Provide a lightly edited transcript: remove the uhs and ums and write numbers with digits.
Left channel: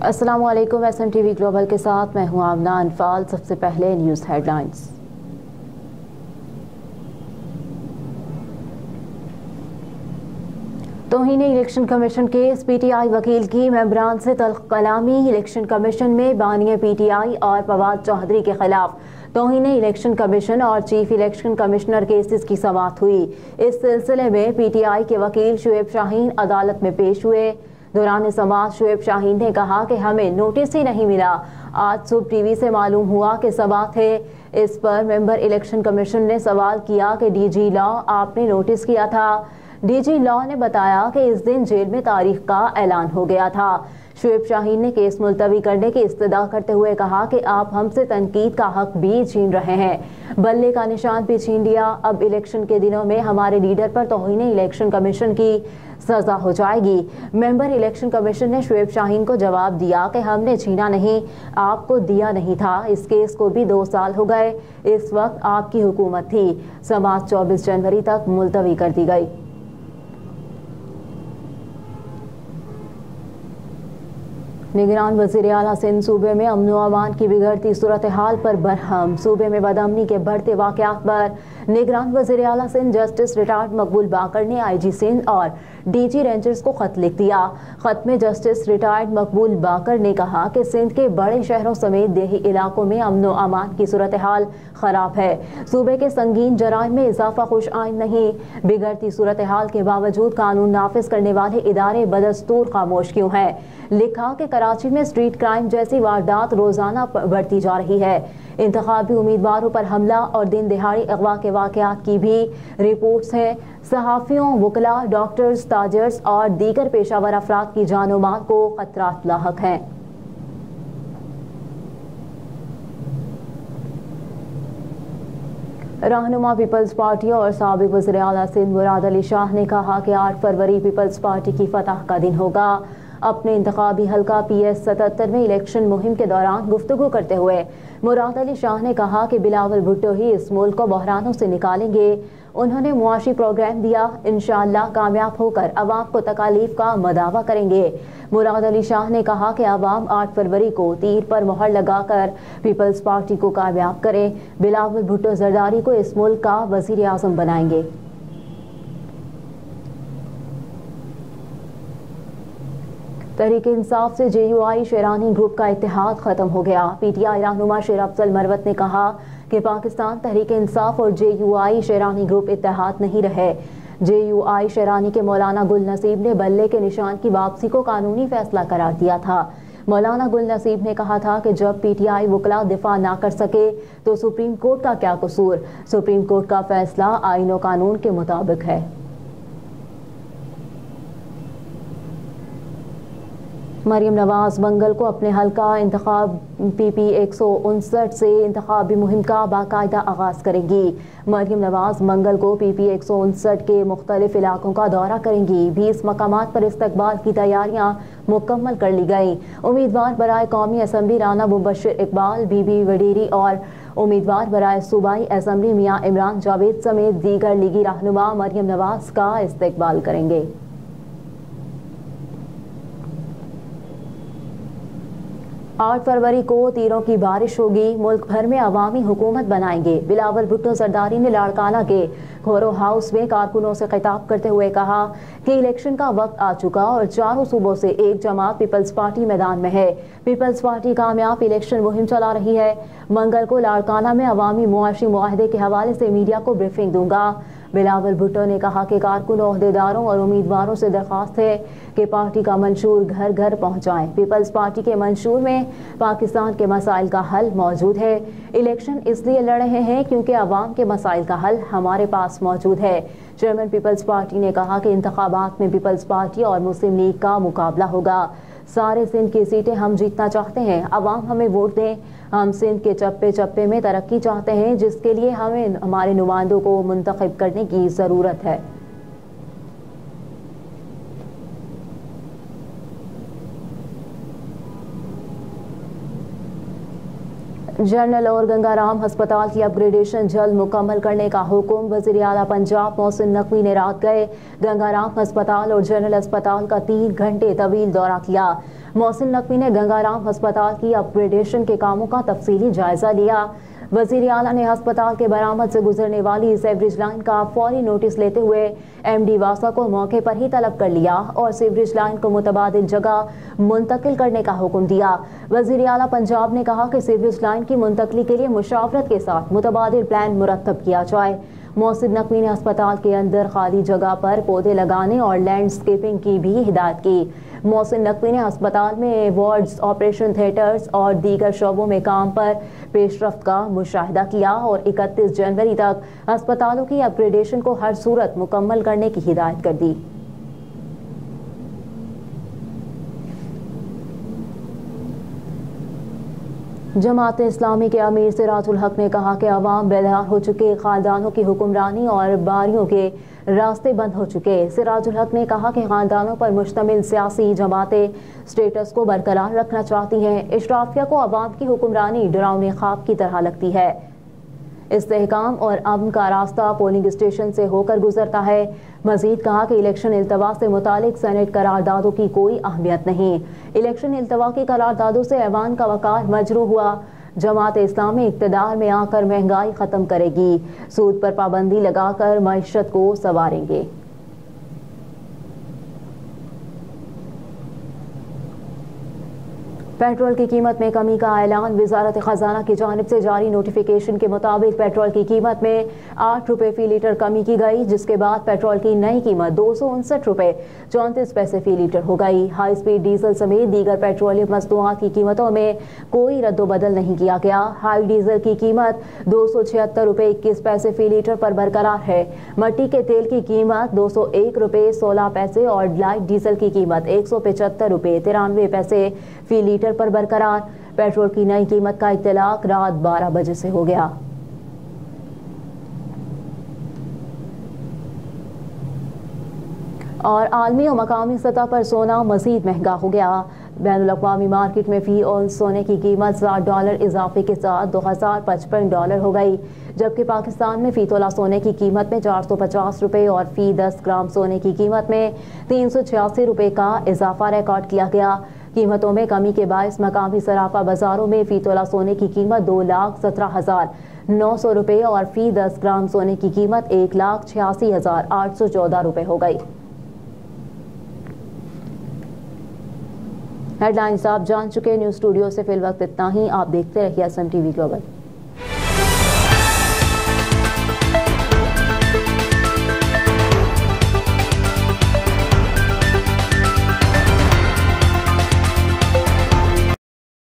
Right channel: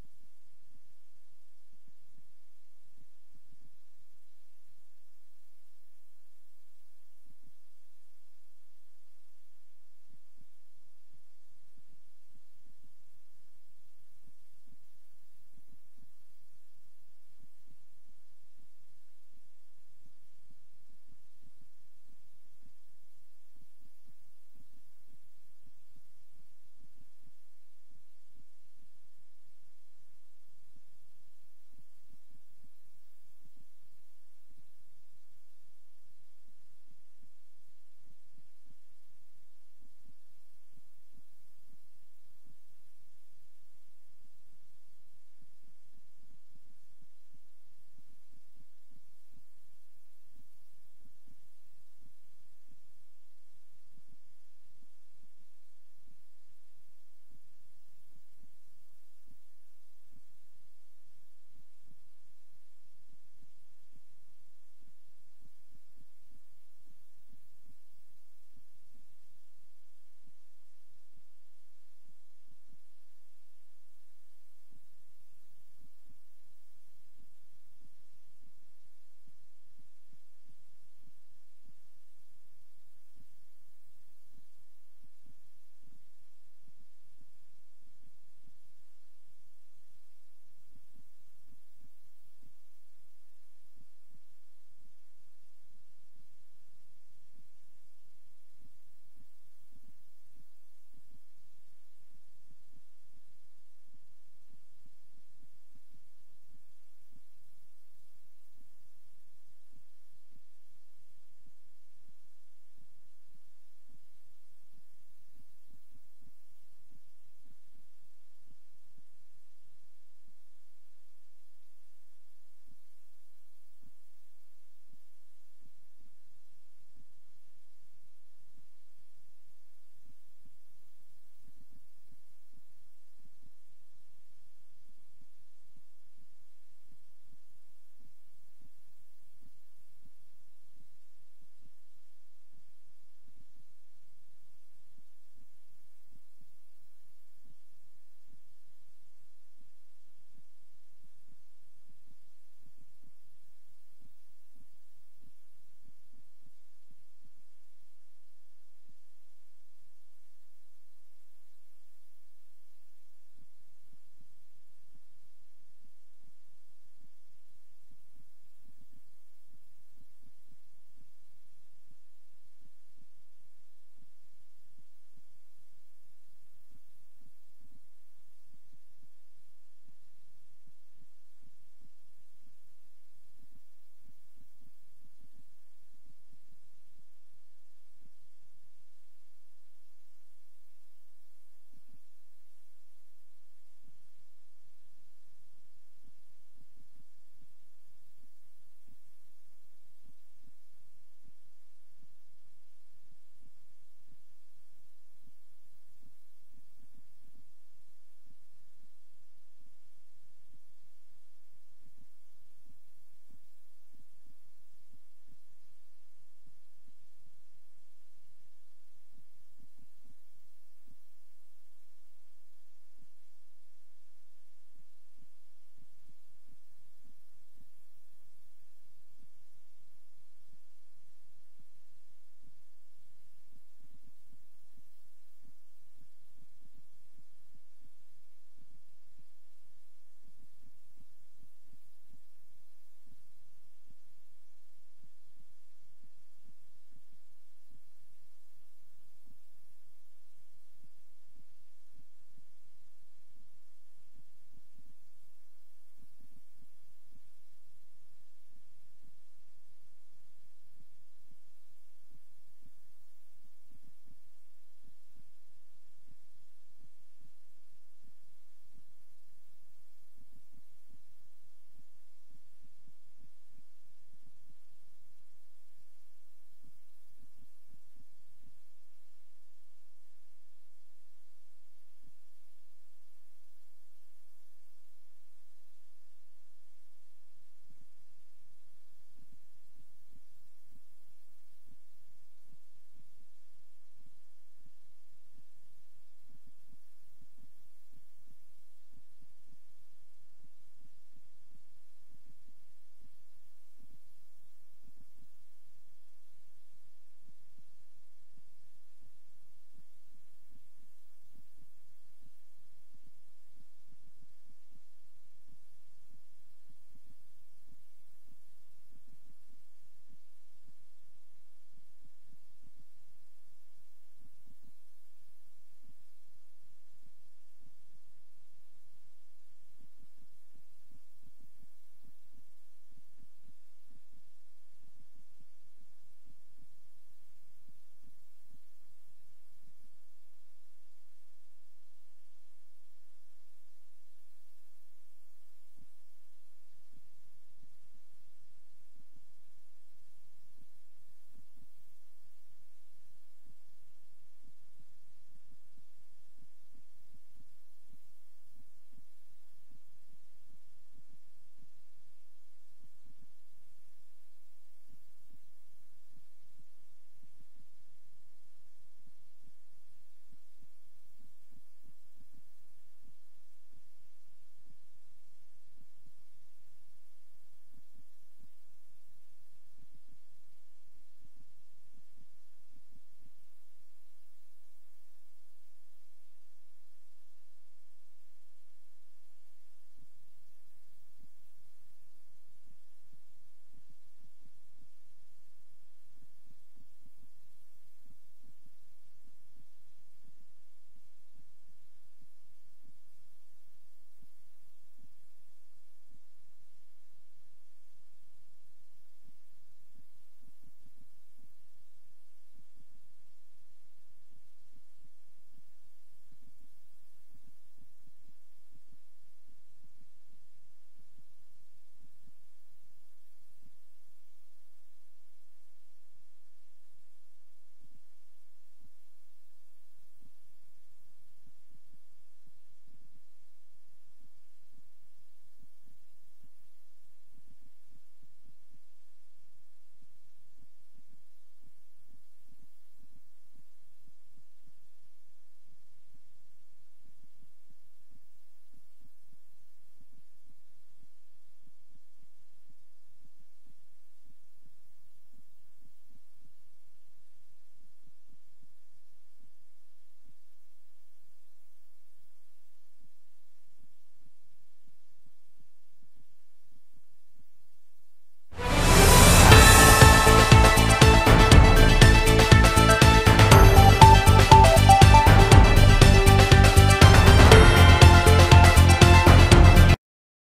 अस्सलाम वालेकुम। SMTV global के साथ मैं हूं आमना अनफाल। सबसे पहले न्यूज़ हेडलाइंस। तौहीन इलेक्शन कमीशन केस, PTI वकील की मेंबरान से तल्ख कलामी। इलेक्शन कमीशन में बानी PTI और फवाद चौधरी के खिलाफ तौहीन इलेक्शन कमीशन और चीफ इलेक्शन कमिश्नर केसेस की समाअत हुई। इस सिलसिले में PTI के वकील शुएब शाहीन अदालत में पेश हुए। दौरान समाअत शुएब शाहीन ने कहा कि हमें नोटिस ही नहीं मिला। आज सुबह TV से मालूम हुआ कि समाअत है। इस पर मेंबर इलेक्शन कमीशन ने सवाल किया कि DG लॉ आपने नोटिस किया था। DG लॉ ने बताया कि इस दिन जेल में तारीख का ऐलान हो गया था। शुएब शाहीन ने केस मुलतवी करने की इस्तदा करते हुए कहा कि आप हमसे तनकीद का हक भी छीन रहे हैं, बल्ले का निशान भी छीन लिया। अब इलेक्शन के दिनों में हमारे लीडर पर तौहीन इलेक्शन कमीशन की सजा हो जाएगी। मेंबर इलेक्शन कमीशन ने शुएब शाहीन को जवाब दिया कि हमने छीना नहीं, आपको दिया नहीं था। इस केस को भी 2 साल हो गए। इस वक्त आपकी हुकूमत थी। समाअत 24 जनवरी तक मुलतवी कर दी गई। निगरान वज़ीर आला सिंध सूबे में अमन व अमान की बिगड़ती सूरत हाल पर बरहम। सूबे में बदअमनी के बढ़ते वाक़यात पर निगरान वज़ीर आला सिंध जस्टिस रिटायर्ड मकबूल बाकर ने IG सिंध और DG रेंजर्स को खत लिख दिया। खत में जस्टिस रिटायर्ड मकबूल बाकर ने कहा कि सिंध के बड़े शहरों समेत देही इलाकों में अमन व अमान की सूरत हाल खराब है। सूबे के संगीन जराइम में इजाफा खुश आइन नहीं। बिगड़ती सूरत हाल के बावजूद कानून नाफिज करने वाले इदारे बदस्तूर खामोश क्यों हैं। लिखा कि कराची में स्ट्रीट क्राइम जैसी वारदात रोजाना बढ़ती जा रही है। इंतखाबी उम्मीदवारों पर हमला और दिन दिहाड़ी अगवा के वाकयात की भी रिपोर्ट्स हैं। सहाफियों, वकला, डॉक्टर्स, ताजर्स और दीगर पेशावर अफराद की जान और माल को खतरात लाहक हैं। रहनुमा पीपल्स पार्टी और साबिक वज़ीर आला सिंध मुराद अली शाह ने कहा कि 8 फरवरी पीपल्स पार्टी की फतह का दिन होगा। अपने इंतखाबी हल्का PS 77 में इलेक्शन मुहिम के दौरान गुफ्तगू करते हुए मुराद अली शाह ने कहा कि बिलावल भुट्टो ही इस मुल्क को बहरानों से निकालेंगे। उन्होंने मुआशी प्रोग्राम दिया, इंशाअल्लाह कामयाब होकर अवाम को तकालीफ का मदावा करेंगे। मुराद अली शाह ने कहा कि अवाम 8 फरवरी को तीर पर मोहर लगाकर पीपल्स पार्टी को कामयाब करें। बिलावल भुट्टो जरदारी को इस मुल्क का वज़ीर आज़म बनाएंगे। तहरीक इंसाफ से JUI शेरानी ग्रुप का इत्तेहाद खत्म हो गया। PTI रहनुमा शेर अफजल मरवत ने कहा कि पाकिस्तान तहरीक इंसाफ और JUI शेरानी ग्रुप इत्तेहाद नहीं रहे। JUI शेरानी के मौलाना गुल नसीब ने बल्ले के निशान की वापसी को कानूनी फैसला करार दिया था। मौलाना गुल नसीब ने कहा था कि जब PTI वकला दिफा ना कर सके तो सुप्रीम कोर्ट का क्या कसूर। सुप्रीम कोर्ट का फैसला आईन और कानून के मुताबिक है। मरियम नवाज मंगल को अपने हल्का इंतखाब PP 159 से इंतखाबी मुहिम का बाकायदा आगाज करेंगी। मरियम नवाज मंगल को PP 159 के मुख्तलिफ इलाकों का दौरा करेंगी। 20 मकामात पर इस्तकबाल की तैयारियां मुकम्मल कर ली गई। उम्मीदवार बराए कौमी असम्बली राना मुबश्शिर इकबाल, बीबी वडीरी और उम्मीदवार बराए सूबाई असम्बली मियाँ इमरान जावेद समेत दीगर लीगी रहनुमा मरियम नवाज का इस्तकबाल करेंगे। 8 फरवरी को तीरों की बारिश होगी। मुल्क भर में अवामी हुकूमत बनाएंगे। बिलावल भुट्टो जरदारी ने लाड़काना के खोरो हाउस में कारकुनों से खिताब करते हुए कहा कि इलेक्शन का वक्त आ चुका और चारों सूबों से एक जमात पीपल्स पार्टी मैदान में है। पीपल्स पार्टी कामयाब इलेक्शन मुहिम चला रही है। मंगल को लाड़काना में अवामी मुआशी मुआहदे के हवाले से मीडिया को ब्रीफिंग दूंगा। बिलावल भुट्टो ने कहा कि कारकुनों, ओहदेदारों और उम्मीदवारों से दरख्वास्त है कि पार्टी का मंशूर घर घर पहुंचाएं। पीपल्स पार्टी के मंशूर में पाकिस्तान के मसाइल का हल मौजूद है। इलेक्शन इसलिए लड़ रहे हैं क्योंकि अवाम के मसाइल का हल हमारे पास मौजूद है। चेयरमैन पीपल्स पार्टी ने कहा कि इंतखाबात में पीपल्स पार्टी और मुस्लिम लीग का मुकाबला होगा। सारे सिंध की सीटें हम जीतना चाहते हैं। अवाम हमें वोट दें। हम सिंध के चप्पे चप्पे में तरक्की चाहते हैं, जिसके लिए हमें हमारे नुमाइंदों को मुंतखब करने की ज़रूरत है। जनरल और गंगाराम अस्पताल की अपग्रेडेशन जल्द मुकम्मल करने का हुक्म वज़ीर आला पंजाब मोहसिन नकवी ने रात गए गंगाराम अस्पताल और जनरल अस्पताल का 3 घंटे तवील दौरा किया। मोहसिन नकवी ने गंगाराम अस्पताल की अपग्रेडेशन के कामों का तफसीली जायजा लिया। वजीर आला ने अस्पताल के बरामद से गुजरने वाली सीवरेज लाइन का फौरी नोटिस लेते हुए MD वासा को मौके पर ही तलब कर लिया और सीवरेज लाइन को मुतबादिल जगह मुंतकिल करने का हुक्म दिया। वजीर आला पंजाब ने कहा कि सीवरेज लाइन की मुंतकली के लिए मुशावरत के साथ मुतबादिल प्लान मुरतब किया जाए। मोहसिन नकवी ने अस्पताल के अंदर खाली जगह पर पौधे लगाने और लैंडस्केपिंग की भी हिदायत की। मोहसिन नकवी ने अस्पताल में वार्ड्स, ऑपरेशन थिएटर्स और दीगर शोबों में काम पर पेशरफ्त का मुशाहिदा किया और 31 जनवरी तक अस्पतालों की अपग्रेडेशन को हर सूरत मुकम्मल करने की हिदायत कर दी। जमात इस्लामी के अमीर सिराजुल हक ने कहा कि अवाम बेदार हो चुके, खानदानों की हुक्मरानी और बारियों के रास्ते बंद हो चुके। सिराजुल हक ने कहा कि खानदानों पर मुश्तमिल सियासी जमातें स्टेटस को बरकरार रखना चाहती हैं। इशराफिया को अवाम की हुक्मरानी डरावने ख्वाब की तरह लगती है। इस्तेहकाम और अमन का रास्ता पोलिंग स्टेशन से होकर गुजरता है। मजीद कहा कि इलेक्शन इल्तवा से मुतालिक सेनेट करारदादों की कोई अहमियत नहीं। इलेक्शन इल्तवा की करारदादों से ऐवान का वकार मजरू हुआ। जमात इस्लामी इक़्तिदार में आकर महंगाई ख़त्म करेगी, सूद पर पाबंदी लगाकर मईशत को संवारेंगे। पेट्रोल की कीमत में कमी का ऐलान। वजारत खजाना की जानिब से जारी नोटिफिकेशन के मुताबिक पेट्रोल की कीमत में 8 रुपये फी लीटर कमी की गई, जिसके बाद पेट्रोल की नई कीमत 259 रुपये 34 पैसे फी लीटर हो गई। हाई स्पीड डीजल समेत दीगर पेट्रोलियम मसनूआत की कीमतों में कोई रद्दोबदल नहीं किया गया। हाई डीजल की कीमत 276 रुपये 21 पैसे फी लीटर पर बरकरार है। मट्टी के तेल की कीमत 201 रुपये 16 पैसे और लाइट डीजल की कीमत 175 रुपये 93 पैसे फी लीटर पर बरकरार। पेट्रोल की नई कीमत का इत्तलाक रात 12 बजे से हो गया। और आलमी और मकामी सतह पर सोना मजीद महंगा हो गया। बैनुल-अक़वामी मार्केट में फी औंस सोने की कीमत $60 इजाफे के साथ $2055 हो गई, जबकि पाकिस्तान में फी तोला सोने की कीमत में 450 रुपये और फी 10 ग्राम सोने की कीमत में 386 रुपये का इजाफा रिकॉर्ड किया गया। कीमतों में कमी के बायस मकामी सराफा बाजारों में फी तोला सोने की कीमत 2,17,900 रुपये और फी 10 ग्राम सोने की कीमत 1,86,814 रुपये हो गई। हेडलाइंस आप जान चुके। न्यूज़ स्टूडियो से फिल वक्त इतना ही। आप देखते रहिए SM TV ग्लोबल।